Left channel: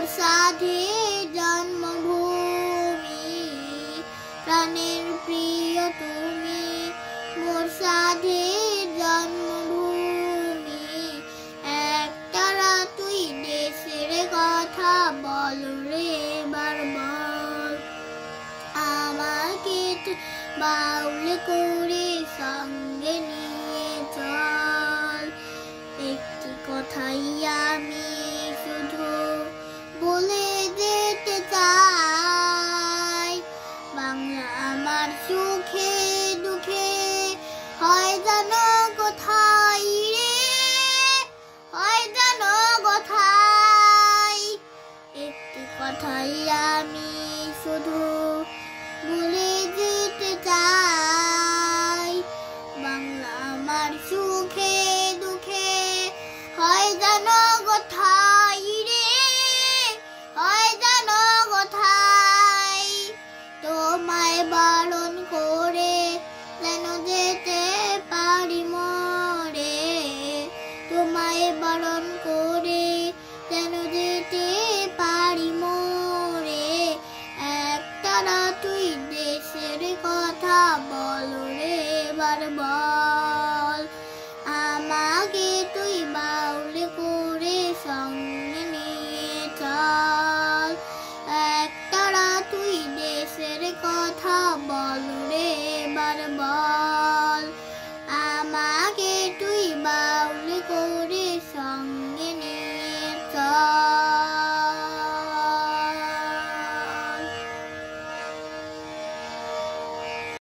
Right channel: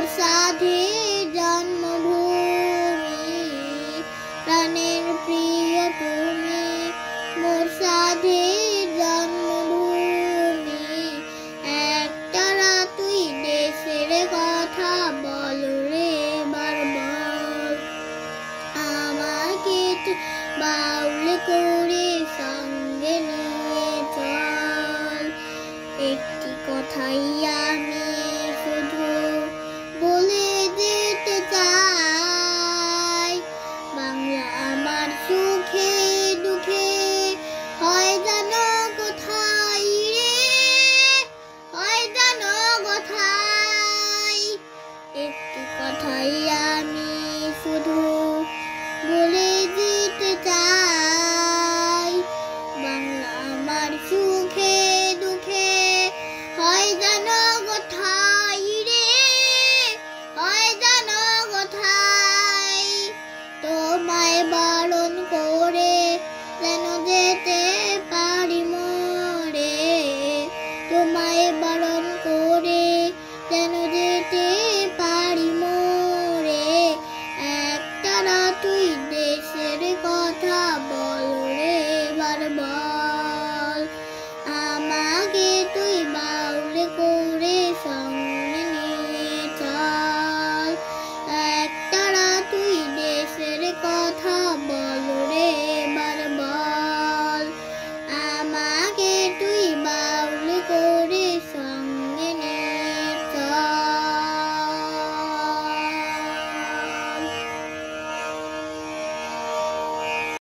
মোর সাধের জন্মভূমি, প্রাণের প্রিয় তুমি মোর সাধের জন্মভূমি। একটানা তুই দেশের কথা বল রে বারবার, আমাকে তুই বাউল করে সঙ্গে নিয়ে চল। একটি কথাই আমি শুধু বলে যেতে চাই, বাংলা আমার সুখে দুঃখে হয় জানো কোথায় রে, হয় জানো কোথায়। একটি কথাই আমি শুধু বলে যে